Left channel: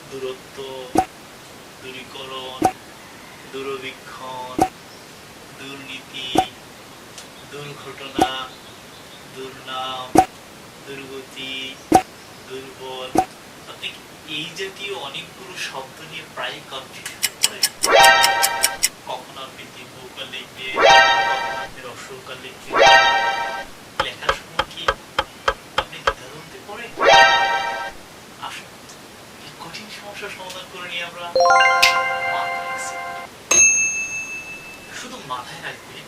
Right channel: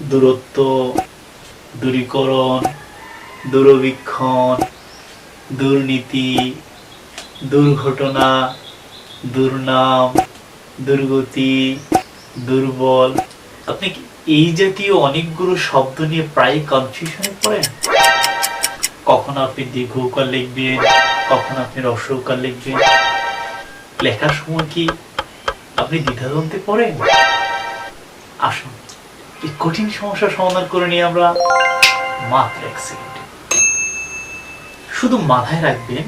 দূরত্ব, দূরীকরণ, দূরবীক্ষণ, দুর্নীতি, দুর্ঘটনা, দুর্নাম, দুর্গতি, দুর্বল। আপনি কি এই জাতীয় অনেকগুলো শব্দ নিয়ে প্রায় কনফিউশনে পড়েন? কখন আপনি দীর্ঘকাল লিখবেন, কখন আপনি রস্যকাল লিখবেন? লেখার সময় কি আপনি দ্বিধাদ্বন্দ্বে পড়েন? আসুন এই কঠিন সমস্যার সমাধান করে নিয়ে আমরা মাত্র এক সেকেন্ডে শুধু মাথায় রাখবেন,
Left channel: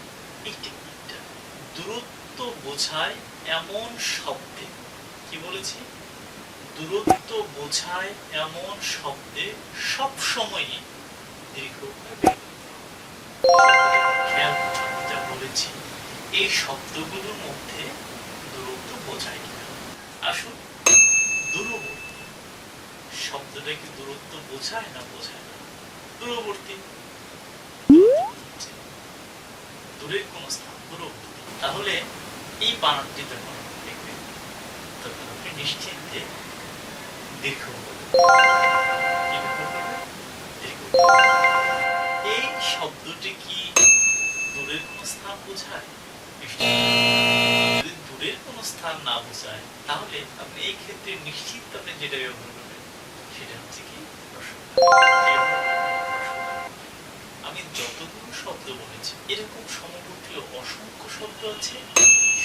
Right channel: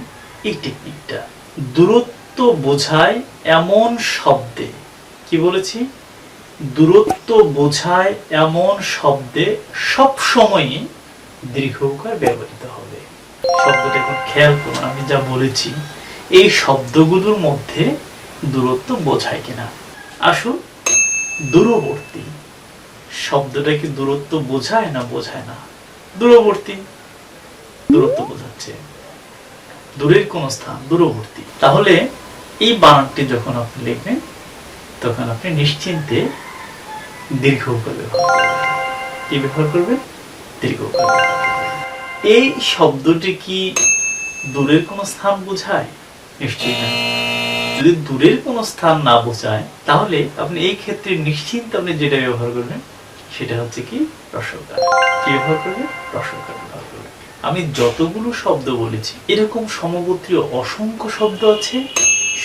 এই টেকনিকটা দূরত্ব বোঝায় এমন শব্দে। কি বলেছি? দূরত্ব বোঝায় এমন শব্দে সব সময়ই দীর্ঘকার ব্যবহৃত হবে। শব্দটা একটু খেয়াল করুন, আমি যা বলেছি, এই শব্দগুলোর মধ্যে দূরত্ব বোঝায় কিনা। আসুন, দূরবর্তী শব্দটা কি দূরত্ব বোঝায় না বোঝায় না? দূরবর্তী। দূরত্ব বোঝাচ্ছে। দূরের কোন স্থান, দূরবর্তী। তাহলে এই বানানটি যখন আপনি লিখবেন, তখন আপনি নিশ্চিন্তে দীর্ঘ করে করবেন। কি ব্যবহার করবেন? দীর্ঘ। এই শব্দটি কি দূরের কোন স্থান বোঝায়? নিশ্চিত যদি দূরের কোন স্থান না বোঝায়, তাহলে আপনি এই ক্ষেত্রে নিশ্চিন্ত আপনি যেটা ব্যবহার করবেন সেটা হচ্ছে কি? রসকার কি ব্যবহার করবে? আমি যতগুলো শব্দ বলেছি, এরকম সমগোত্রীয় অসংখ্য শব্দ আছে।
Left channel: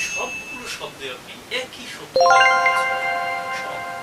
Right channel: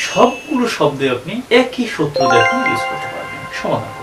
সবগুলো শব্দে আপনি একই সত্য দেখুন ইউজ করতে পারবেন। সমাধান